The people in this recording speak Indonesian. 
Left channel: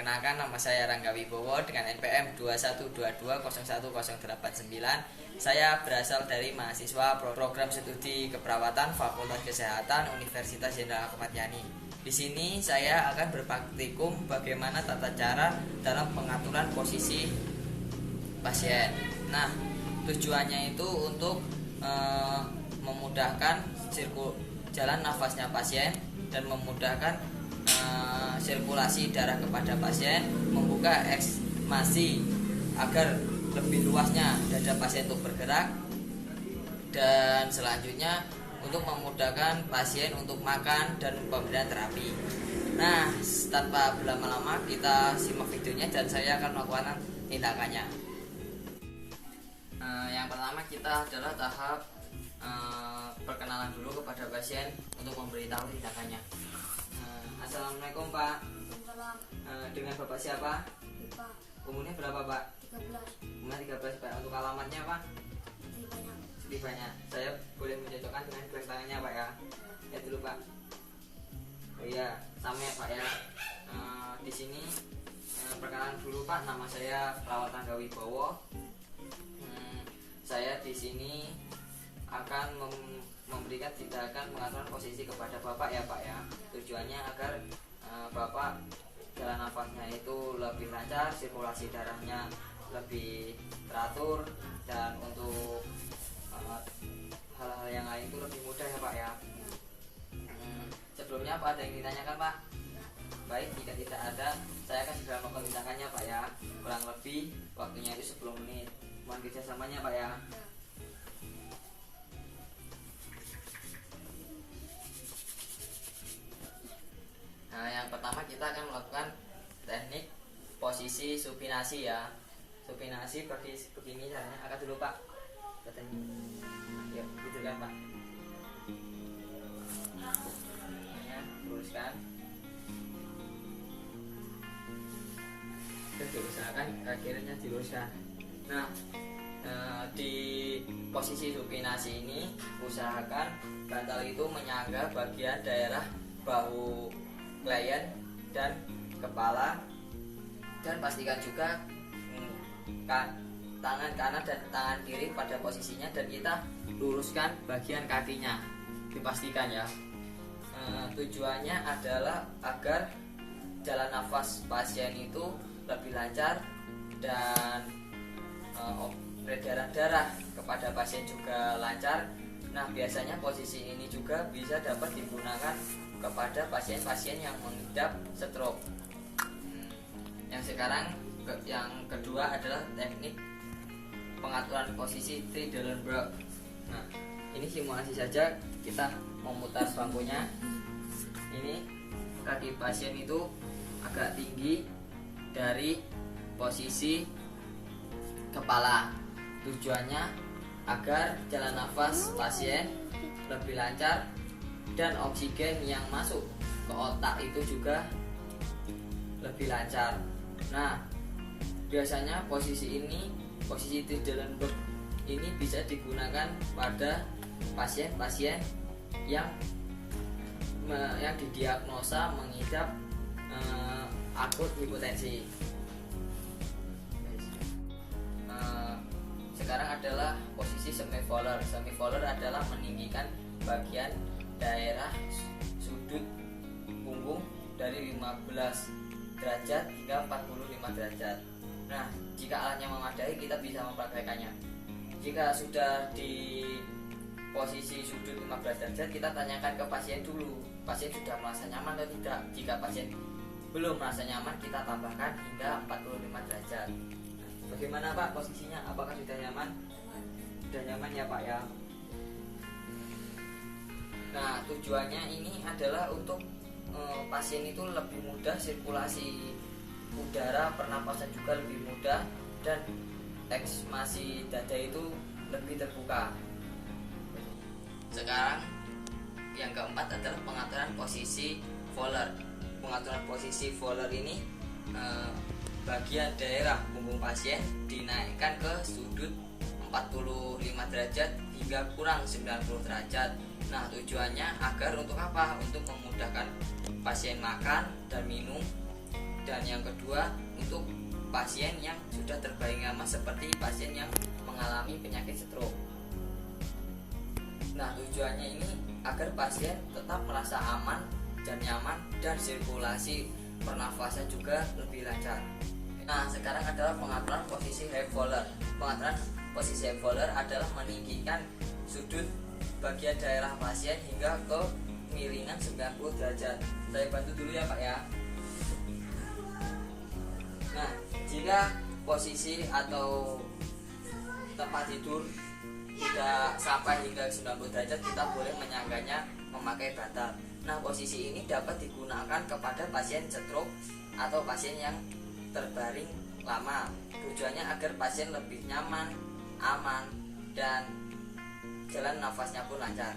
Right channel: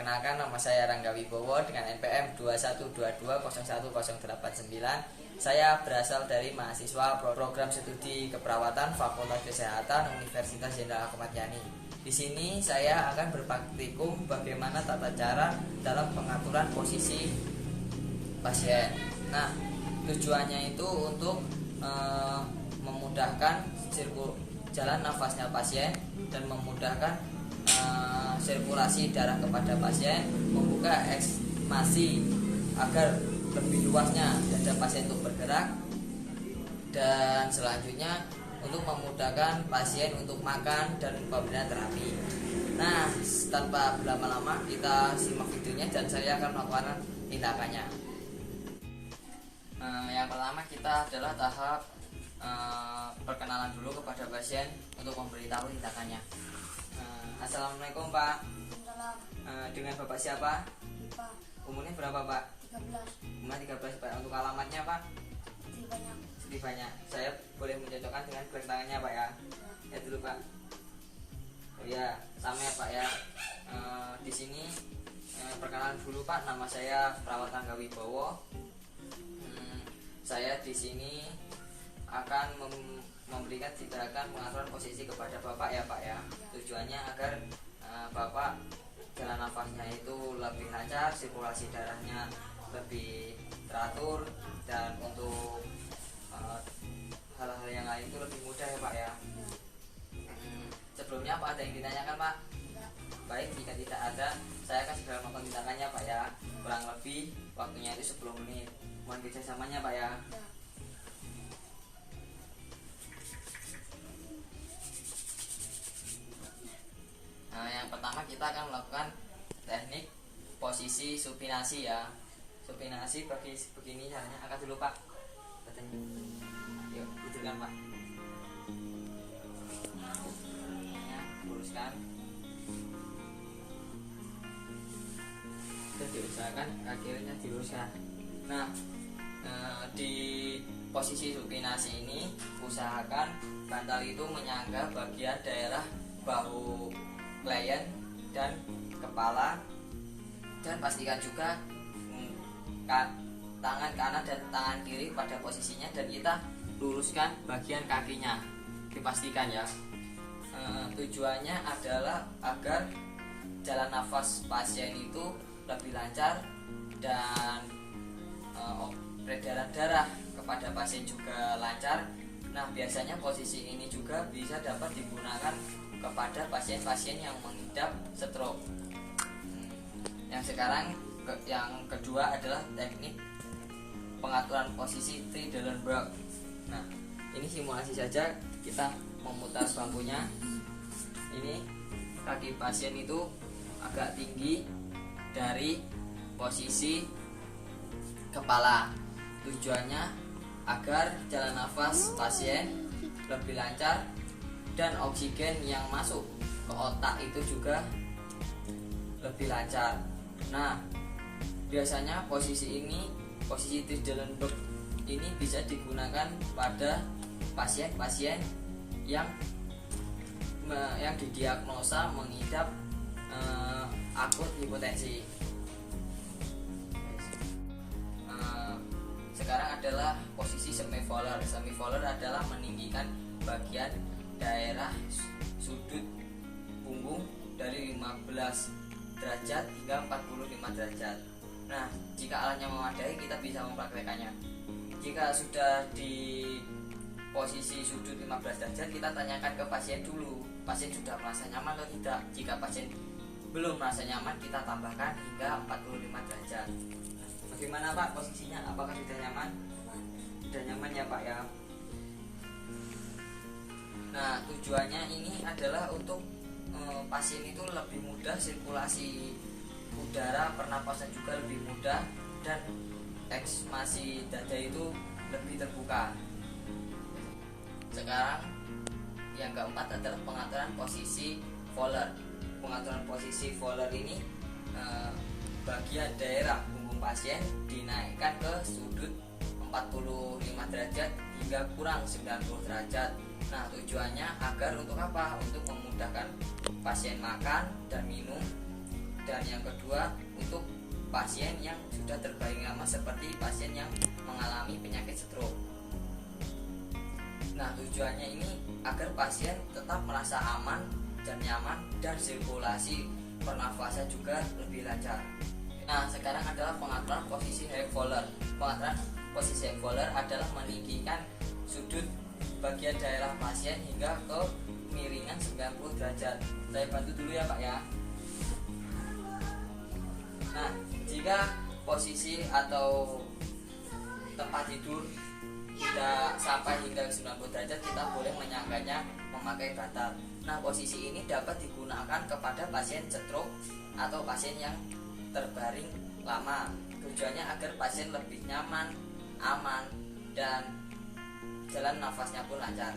Perkenalkan, nama saya Rangga Wibowo dengan NPM 2122011089. Saya berasal dari mahasiswa program studi keperawatan Fakultas Kesehatan Universitas Jenderal Ahmad Yani. Di sini saya akan berpraktikum bagaimana tata cara dalam pengaturan posisi pasien. Nah, tujuannya itu untuk memudahkan jalan nafasnya pasien dan memudahkan sirkulasi darah kepada pasien, membuka ekstasi agar lebih luasnya dada pasien untuk bergerak, dan selanjutnya untuk memudahkan pasien untuk makan dan pemberian terapi. Nah, tanpa berlama-lama kita simak videonya dan saya akan melakukan tindakannya. Yang pertama kita adalah tahap perkenalan dulu kepada pasien untuk memberitahu tindakannya. Assalamualaikum Pak. Dengan Bapak siapa? Pak. Umurnya berapa Pak? 13. Umur 13 Pak. Untuk alamatnya Pak? Lebih banyak. Saya boleh mencocokkan dengan blank tangannya Pak ya? Ya dulu Pak. Oh iya, sama ya Pak ya. Di sini perkenalan dulu Pak. Nama saya Perawat Rangga Wibowo. Saya di sini akan memberikan tindakan pengaturan posisi kepada Bapak ya Pak ya. Tujuannya agar Bapak jalan nafasnya itu lebih lancar, sirkulasi darahnya lebih teratur, dan untuk hal-hal yang lain itu lebih mudah ya Pak ya. Sebelumnya apa ada yang ditanyakan Pak? Baik, jika tidak ada, saya akan segera melakukan tindakannya Pak ya. Kurang lebih waktunya itu 10 menit. Mohon kerjasamanya Pak ya. Nah, yang pertama kita akan melakukan teknik posisi supinasi ya. Supinasi bagi begini caranya. Angkat dulu Pak. Katanya. Yuk, gitu kan Pak. Luruskan. Dan diusahakan akhirnya diluruskan. Nah, di posisi supinasi ini usahakan bantal itu menyangga bagian daerah bahu klien dan kepala, dan pastikan juga tangan kanan dan tangan kiri pada posisinya, dan kita luruskan bagian kakinya, dipastikan ya. Tujuannya adalah agar jalan nafas pasien itu lebih lancar dan peredaran darah kepada pasien juga lancar. Nah, biasanya posisi ini juga bisa dapat digunakan kepada pasien-pasien yang mengidap stroke. Yang sekarang yang kedua adalah teknik pengaturan posisi Trendelenburg. Nah, ini simulasi saja. Kita memutar bangkunya. Ini kaki pasien itu agak tinggi dari posisi kepala. Tujuannya agar jalan nafas pasien lebih lancar dan oksigen yang masuk ke otak itu juga lebih lancar. Nah, biasanya posisi Trendelenburg ini bisa digunakan pada pasien-pasien yang didiagnosa mengidap akut hipotensi. Sekarang adalah posisi semivolar. Semivolar adalah meninggikan bagian daerah sudut punggung dari 15 derajat hingga 45 derajat. Nah, jika alatnya memadai kita bisa mempraktekannya. Jika sudah di posisi sudut 15 derajat, kita tanyakan ke pasien dulu, pasien sudah merasa nyaman atau tidak. Jika pasien belum merasa nyaman, kita tambahkan hingga 45 derajat. Bagaimana Pak posisinya? Apakah sudah nyaman? Sudah nyaman ya Pak ya. Nah, tujuannya ini adalah untuk pasien itu lebih mudah, sirkulasi udara pernapasan juga lebih mudah, dan ekstasi dada itu lebih terbuka. Sekarang yang keempat adalah pengaturan posisi Fowler. Pengaturan posisi Fowler ini bagian daerah punggung pasien dinaikkan ke sudut 45 derajat hingga kurang 90 derajat. Nah, tujuannya agar untuk apa? Untuk memudahkan pasien makan dan minum, Dan yang kedua untuk pasien yang sudah terbaring lama seperti pasien yang mengalami penyakit stroke. Nah, tujuannya ini agar pasien tetap merasa aman dan nyaman dan sirkulasi pernafasan juga lebih lancar. Nah, sekarang adalah pengaturan posisi hip roller. Pengaturan posisi hip roller adalah meninggikan sudut bagian daerah pasien hingga ke miringan 90 derajat. Saya bantu dulu ya Pak ya. Nah, jika posisi atau tempat tidur tidak sampai hingga 90 derajat, kita boleh menyangganya memakai bantal. Nah, posisi ini dapat digunakan kepada pasien stroke atau pasien yang terbaring lama. Tujuannya agar pasien lebih nyaman, aman, dan jalan nafasnya pun lancar.